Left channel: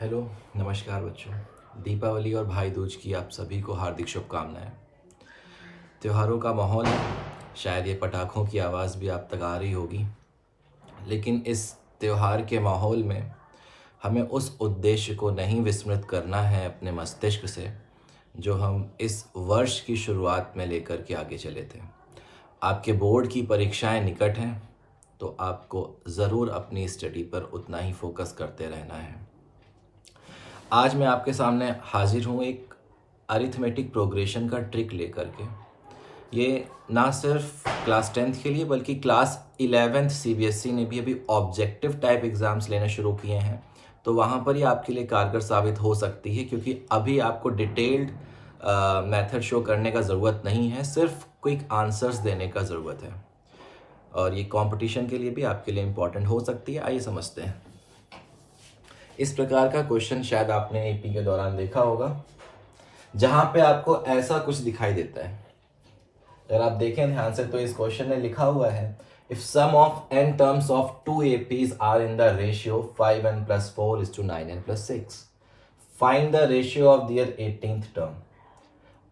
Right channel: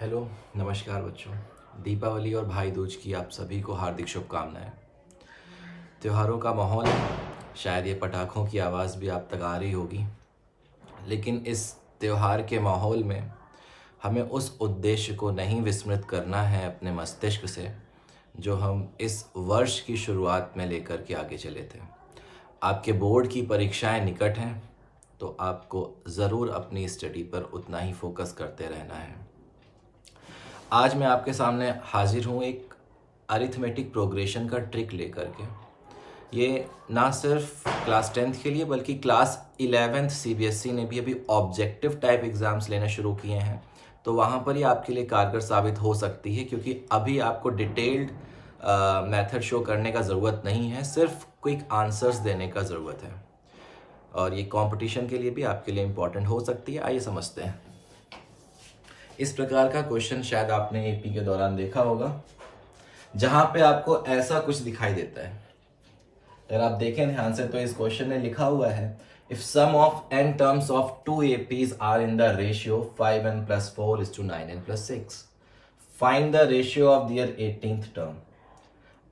Hello, नमस्कार बच्चों। दीपावली और भाई दूज की आप सभी को हार्दिक शुभकामनाएं। त्योहारों का माहौल है, शायद ये पटाखों की आवाज़ भी आप तक आ रही होगी, लेकिन इस त्योहार के माहौल में हमें उस उद्देश्य को नहीं विस्मृत करना है अपने मस्तिष्क से, जो हम इस वर्ष की शुरुआत में लेकर के आगे चले थे। आपके बोर्ड की परीक्षाएं निकट हैं, तो आपको ज़रूर अपनी स्टडी पर उतना ही फोकस करते रहना है। आज मैं आपके सामने हाजिर हूँ एक अरिथमेटिक प्रोग्रेशन का ट्रिक लेकर के। ये ना सिर्फ क्लास 10th के लिए बल्कि क्लास 11th सीबीएसई ने भी अभी ऑब्जेक्टिव टाइप एग्ज़ाम्स लेना शुरू किए हैं, तो वहाँ पर ही आपके लिए कारगर साबित हो सकती है, क्योंकि अभी आपको डिटेल्ड मेथड शो करने का ज़रूरत नहीं है, सिर्फ क्विक आंसर्स देने का ज़रूरत है। और ये कंपटीशन के लिए भी आपके लिए इम्पॉर्टेंट हो सकती है। आइए समझते हैं। इस प्रकार का क्वेश्चन शायद आपने एपी के दौरान देखा होगा, जहां पे आपको ऐसा कुछ दिखाई देता है। अगर आप देखें ध्यान से तो इस क्वेश्चन में लिखा हुआ है, if sum of n terms of 2 APs are in the ratio 5n + 4 is to 9n + 6, find the ratio of their 18th term.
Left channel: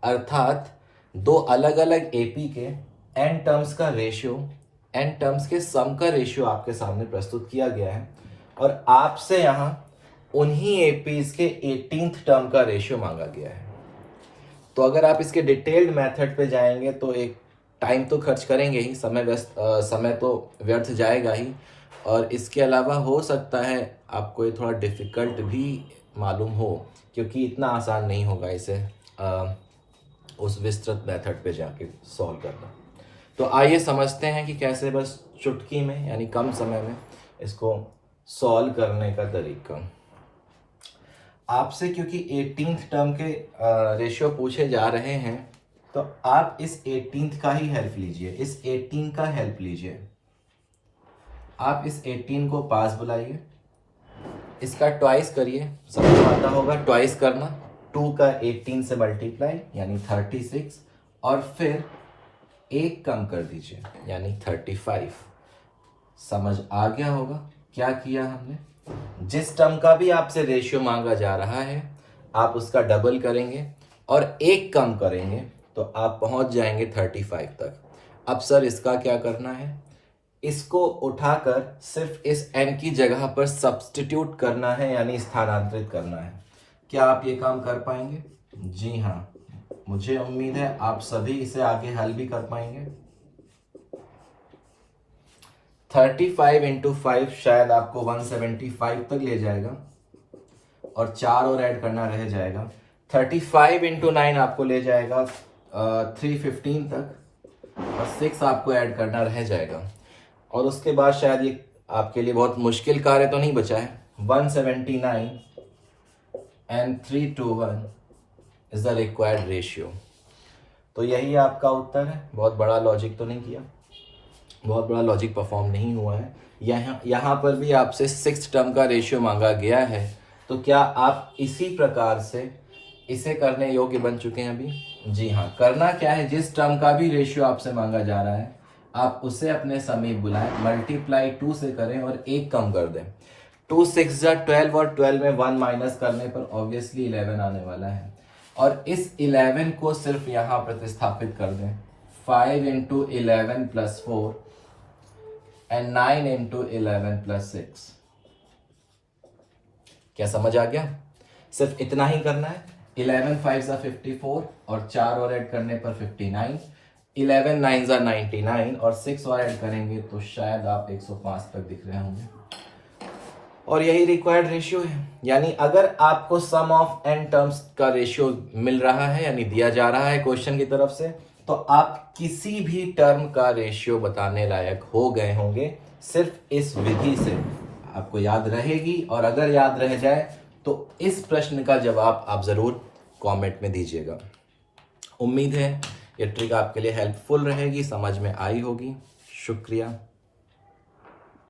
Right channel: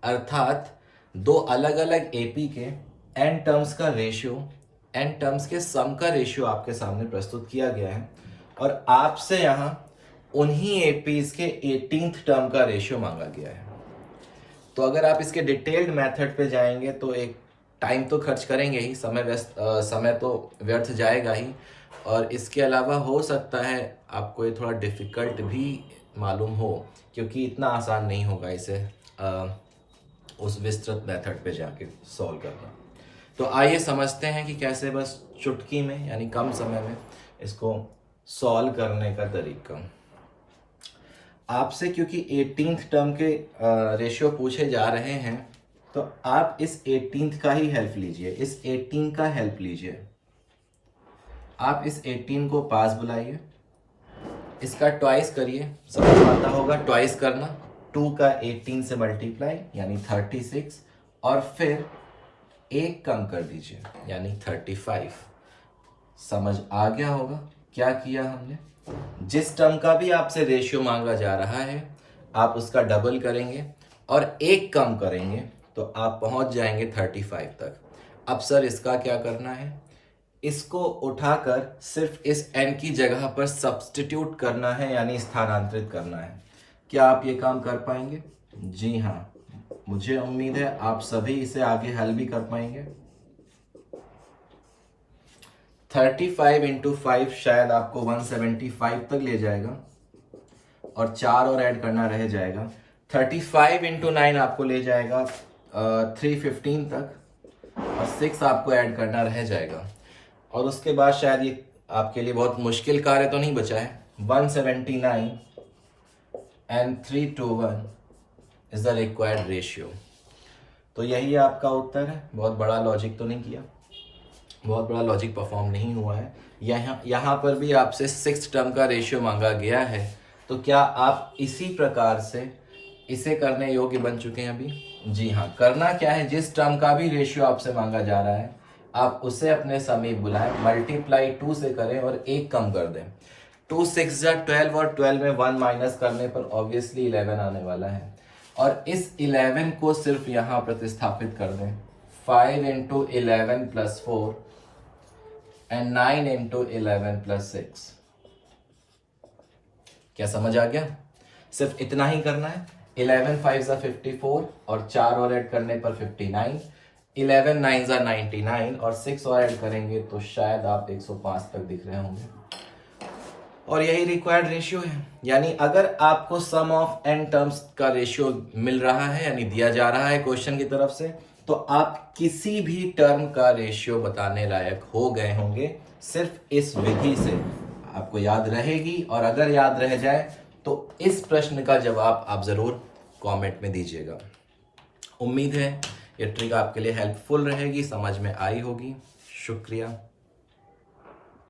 अर्थात दो अलग अलग एपी के n टर्म्स का रेशियो, n टर्म्स के सम का रेशियो आपके सामने प्रस्तुत किया गया है, और आपसे यहाँ उन्हीं एपीज के 18th टर्म का रेशियो मांगा गया है। तो अगर आप इसके डिटेल्ड मेथड पे जाएंगे तो एक टाइम तो खर्च करेंगे ही, समय तो व्यर्थ जाएगा ही, और इसके अलावा हो सकता है आपको ये थोड़ा डिफ़िकल्ट भी मालूम हो, क्योंकि इतना आसान नहीं होगा इसे उस विस्तृत मेथड पे जाके सॉल्व करना। तो आइए समझते हैं कि कैसे बस चुटकी में यानी कम समय में इसको सॉल्व करने का तरीका। आपसे क्योंकि 18th टर्म के रेशियो पूछे जा रहे हैं, तो आप इस 18th का ही हेल्प लीजिए, इस 18 का हेल्प लीजिए। आप इस 18 को पास बुलाइए, इसका ट्वाइस करिए, सबको पता होगा ट्वाइस करना, 2 का 18 से मल्टीप्लाई यानी 36, और फिर एक कम कर दीजिए यानी 35। समझ आ गया होगा क्या किया हमने। जिस टर्म का भी आपसे रेशियो मांगा जा रहा है, आप उसका डबल करेंगे और एक कम करेंगे, तो आप पहुंच जाएंगे 35 तक। अब सर इसका क्या करना है, इसको उठाकर सिर्फ इस n की जगह पर सब्स्टिट्यूट करना है यानी स्थानांतरित करना है। क्या आप ये काम कर पाएंगे? जी हाँ, मुझे उम्मीद है आप सभी इसे आगे हल भी कर पाएंगे। 35 × 5 शायद आपको 175 तक ले जाएगा, और 4 और ऐड करना रह जाएगा। 35 × 9 आपको ले जाएगा 315 तक, और 6 आपको ऐड करना रह जाएगा। और उसके बाद शायद ये आपके लिए बहुत मुश्किल कार्य तो नहीं बचा है। 179 and 321 is the required ratio। तो यही आपका उत्तर है। बहुत बड़ा लॉजिक तो नहीं किया, बहुत बड़ा लॉजिक परफॉर्म नहीं हुआ है। यहाँ पर भी आपसे 6th टर्म का रेशियो मांगा गया है, तो क्या आप इसी प्रकार से इसे करने योग्य बन चुके हैं अभी? जी हाँ। करना क्या है, जिस टर्म का भी रेशियो आपसे मांगा जा रहा है, आप उसे अपने समीप बुलाएं, मल्टीप्लाई 2 से करें और एक कम कर दें। 2 6 12, और 12 में 1 माइनस करने पर ऑब्वियसली 11 आने वाला है, और इस 11 को सिर्फ यहाँ प्रतिस्थापित कर दें। 5 × 11 + 4 and 9 × 11 + 6। क्या समझ आ गया? सिर्फ इतना ही करना है। 11 5 = 54, और 4 और ऐड करने पर 59, 11 9 = 99, और 6 और ऐड करेंगे तो शायद आप 105 तक दिख रहे होंगे। और यही रिक्वायर्ड रेशियो है। यानी अगर आपको सम ऑफ n टर्म्स का रेशियो मिल रहा है यानी दिया जा रहा है क्वेश्चन की तरफ से, तो आप किसी भी टर्म का रेशियो बताने लायक हो गए होंगे सिर्फ इस विधि से। आपको याद रहेगी, और अगर याद रह जाए तो इस प्रश्न का जवाब आप जरूर कमेंट में दीजिएगा। उम्मीद है ये ट्रिक आपके लिए हेल्पफुल रहेगी, समझ में आई होगी। शुक्रिया।